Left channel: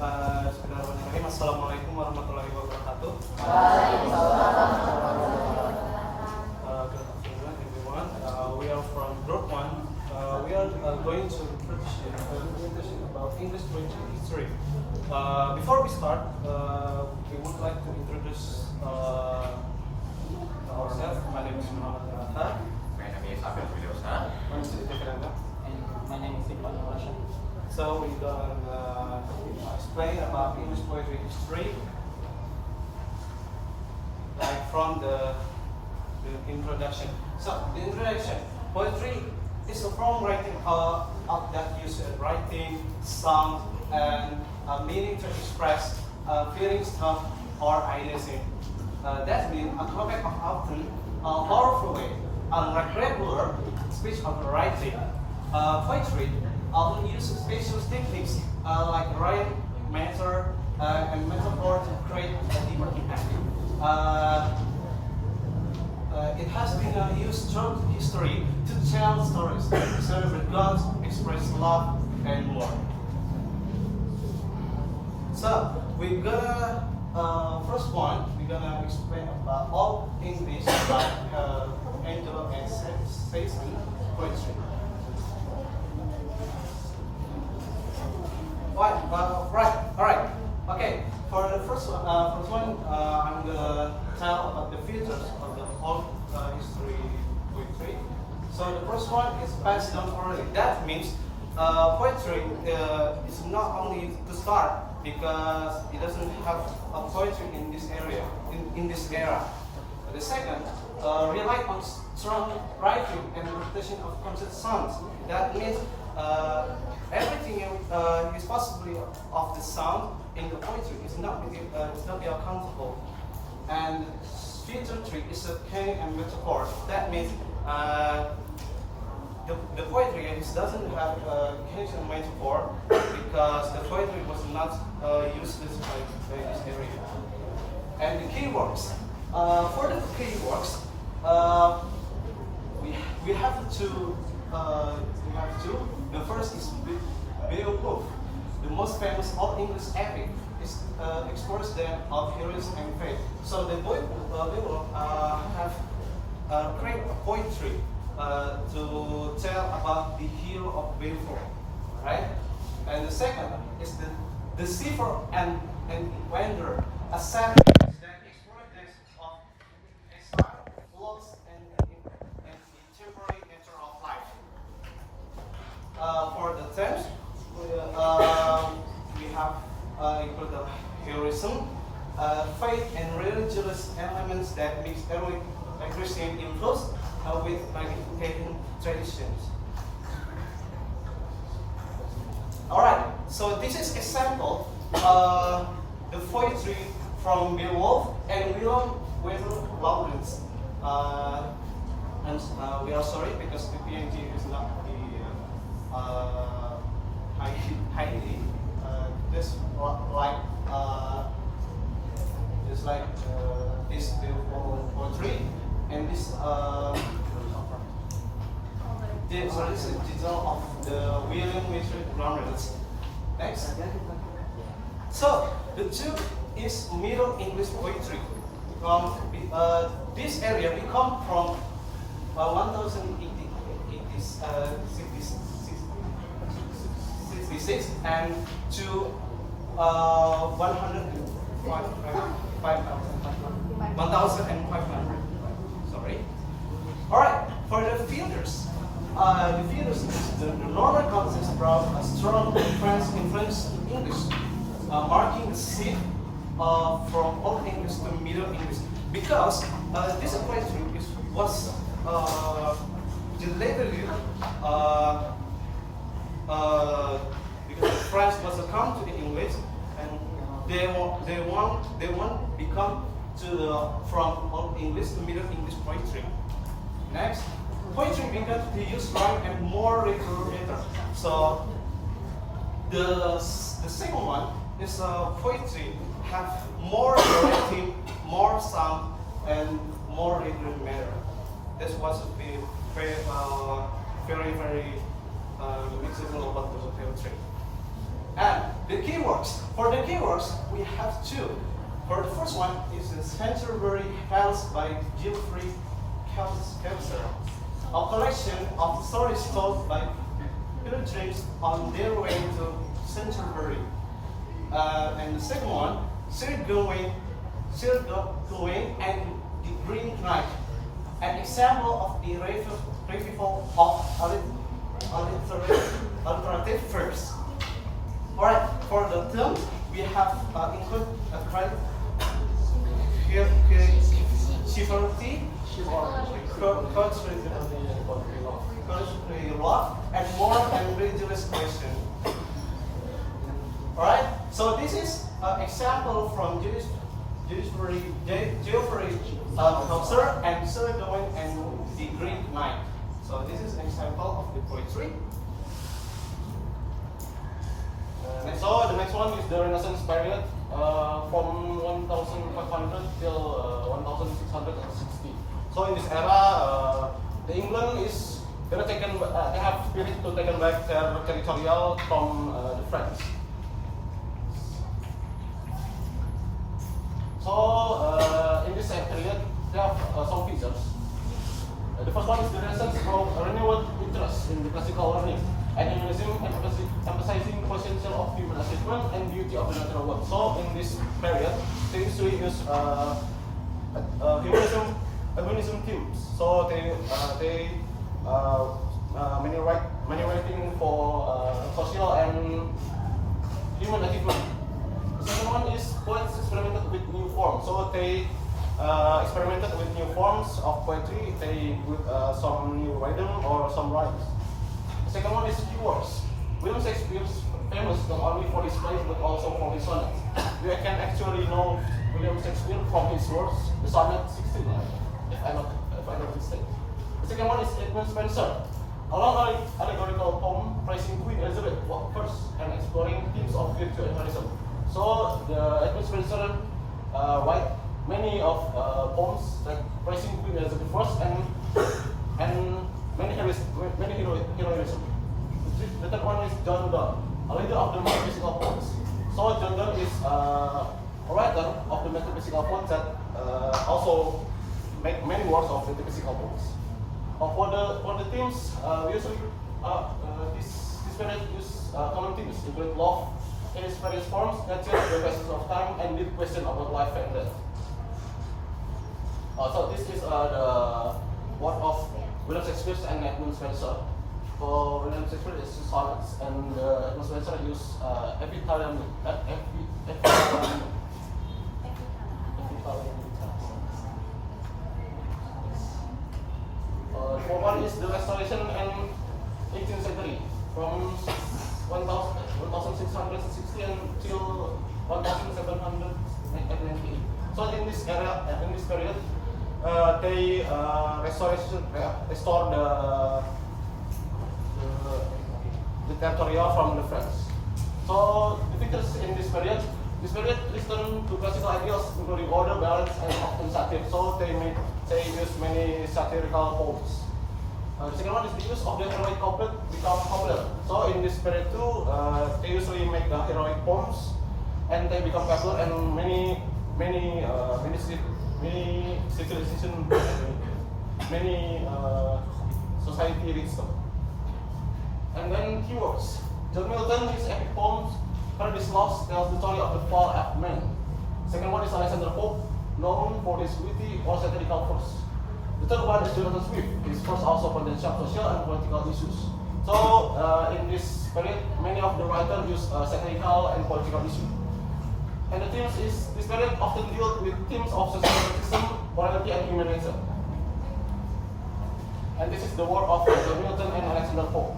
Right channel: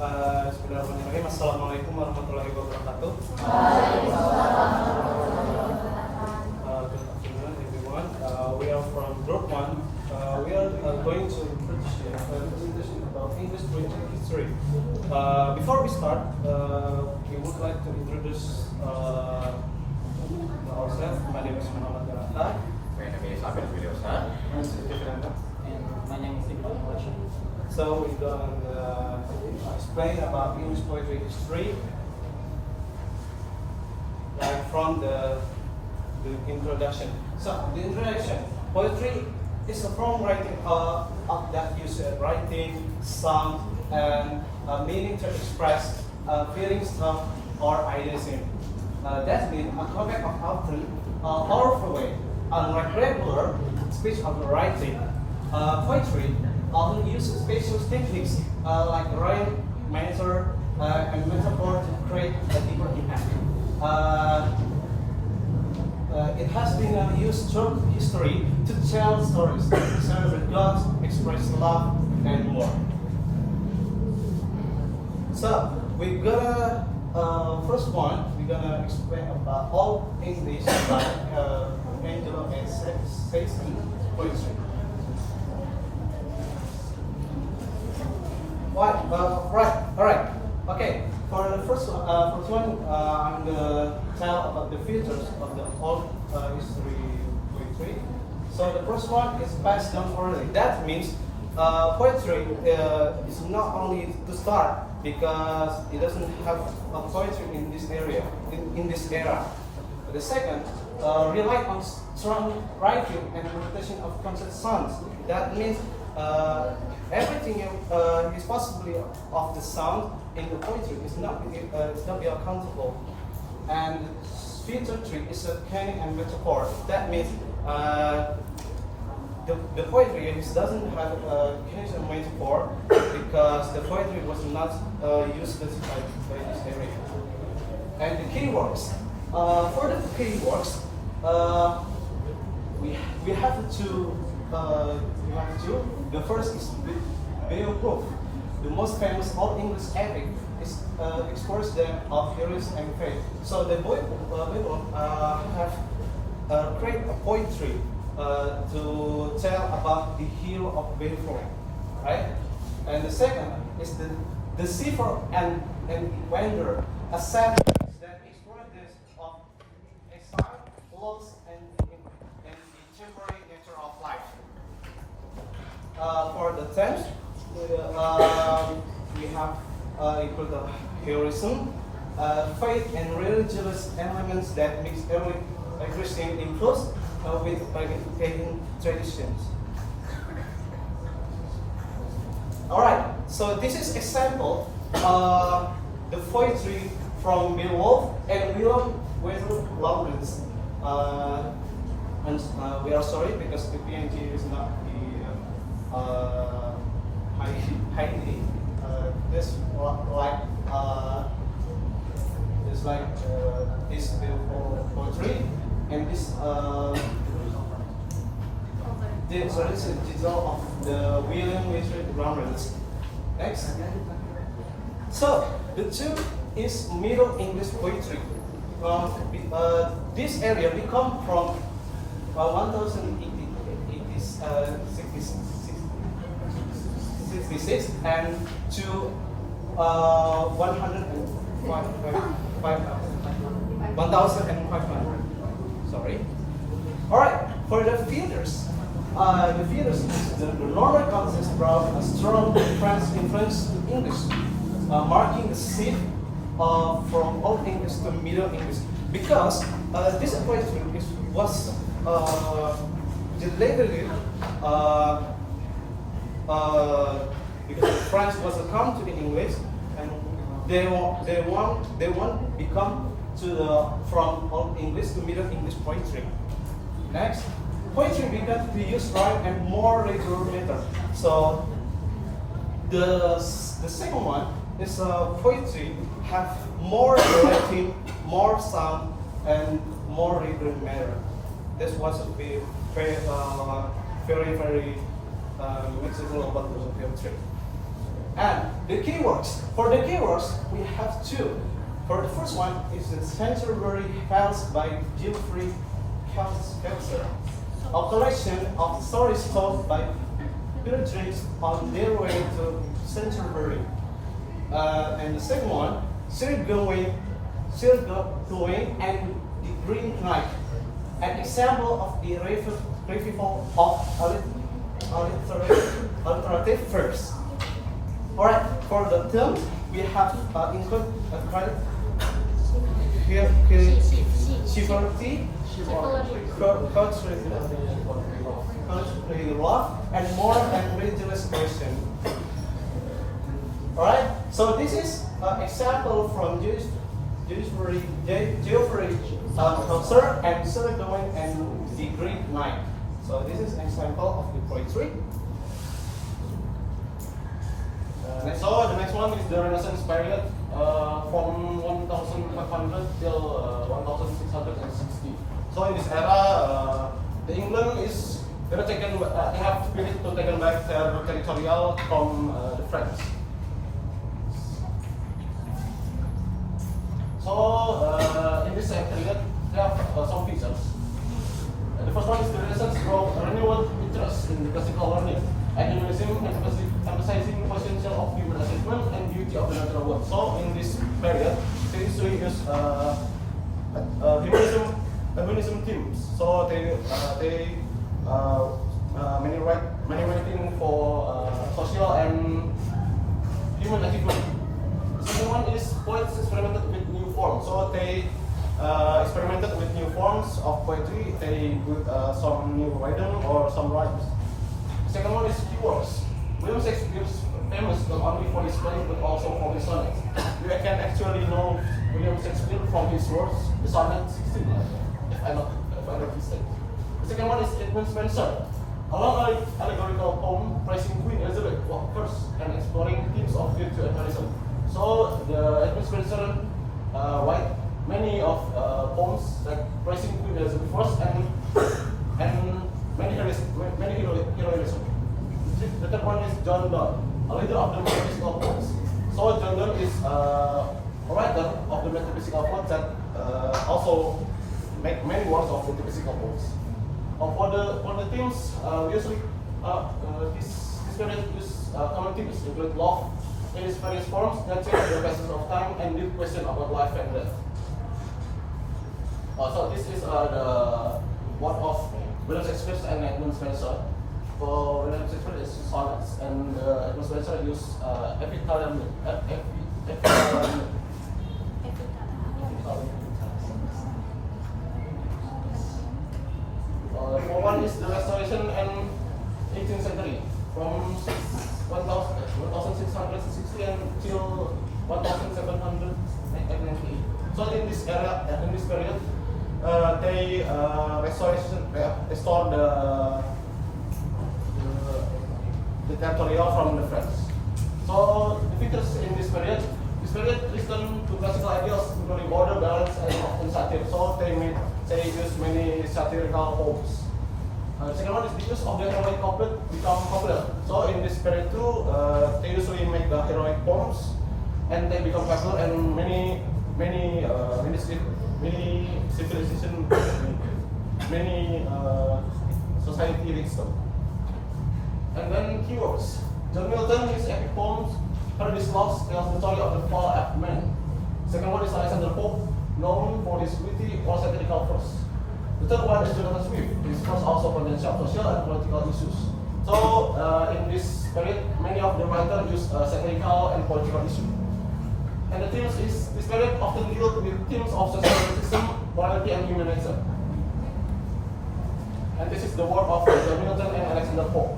Bismillahirrahmanirrahim. Assalamualaikum warahmatullahi wabarakatuh. Good afternoon, everyone. We are from Group 1. We are going to present a presentation about English literature history. Before we start, we would like to introduce ourselves. My name is Maula. My name is Abel Dwi Leosar. My name is Rif'an. So we're going to explain about English poetry history, like from the introduction. So the introduction, poetry is a form writing that uses writing, sound, and meaning to express feelings, thought, or ideas in. That means a topic of often powerful way, unlike regular speech of writing. Poetry often uses special techniques like rhyme, meter, and metaphor to create a deeper impact. It has been used through history to tell stories, celebrate gods, express love, and more. So we're gonna first one we're gonna explain about all English like Angelo and Satan poetry. Alright. Okay. For the first one, I'm gonna tell about the features of the old history poetry. So the first one is passed down orally. That means poetry is not only to start because it doesn't have a poetry in this area, in this era. The second, rely on strong writing and repetition of concept sounds. That means everything is possibly of the sound in the poetry is not be accountable. And feature 3 is a canon and metaphor. That means the poetry doesn't have a canon and metaphor because the poetry was not used by this area. And the keywords. For the keywords, we have to. The first is Beowulf. The most famous Old English epic is explores them of heroes and faith. So the Beowulf have created a poetry to tell about the hero of Beowulf, right? And the second is the Deceiver and the Wanderer, a sad that explores this of exile, loss, and the temporary nature of life. For the themes, we have included heroism, faith, and religious elements that mix early Christian influence with pagan traditions. Alright, so this is example the poetry from Beowulf and William Wendell Lawrence. And we are sorry because the PNG is not the highly this like it's like this poetry and this this is title of the William Wendell Lawrence. Next. So the two is Middle English poetry. This area become from 1066 and to 1,500. Sorry. All right. For the feeders is the normal context brought a strong influence in English, marking the shift from Old English to Middle English because this poetry was delayed because the French was to come to the English and they want become from Old English to Middle English poetry. Next, poetry began to use rhyme and more regular meter. So the second one is poetry have more variety, more sound, and more regular meter. This was very mixable about poetry. And the keywords. For the keywords, we have two. For the first one is the Canterbury House by Geoffrey Chaucer, a collection of stories told by pilgrims on their way to Canterbury. And the second one, Sir Gawain and the Green Knight, an example of the revival of alliterative verbs. Alright, for the term, we have include chivalry, country love, and more and religious question. Alright, so this is an example from Geoffrey Chaucer and Sir Gawain and the Green Knight. So this is an example of the poetry. So the next one is the Renaissance period from 1500 till 1660. So in this era, the England is they have taken back their territorial from the French. So in this same period, there are some features. The first one is the Renaissance brought a renewed interest in the classical learning and emphasizing the potential of human achievement and beauty of the natural world. So in this period, they used to use humanism themes. So they many writing for social and human achievement. The second one is poets experimented with new forms. So they experimented with new forms of poetry. They put some new rhythm or some rhymes. Second one is keywords. William Shakespeare is famous not only for his plays but also for his sonnets. You can actually know William Shakespeare from his works, the sonnet 16, if I'm not mistaken. The second one is Edmund Spenser, a long allegorical poem praising Queen Elizabeth I and exploring themes of virtue and heroism. So the Edmund Spenser write many of poems that praising Queen Elizabeth I and many heroism. The third one is John Donne, a leader of the metaphysical poets. So John Donne is a writer of the metaphysical poets that also make many works of metaphysical poets. For the themes, usually this period use common themes include love in its various forms, nature, the passage of time, and deep question about life and death. So this is the work of William Shakespeare and Edmund Spenser. For William Shakespeare, is sonnets, and Edmund Spenser use epic. One is the Restoration and 18th century, from 1660 until 1790. So in this era, in this period, they restored the territorial from the French. So the figures in this period listen to classical ideals, including order, balance, and often satire. So they use many satirical poems. The second one is the use of the heroic couplet become popular. So in this period too, they usually make the heroic poems, and they become popular, and many civilization, many society reads them. And then keywords. John Milton, his epic poems, Paradise Lost, tells the story of the fall of man. Second one is Alexander Pope, known for his witty or satirical verse. The third one is Jonathan Swift, his verse also presents social and political issues. So in this period, many of the writers use satirical and political issues. And the themes is this period often deals with themes of social justice, morality, and human nature. And this is the work of John Milton and Alexander Pope.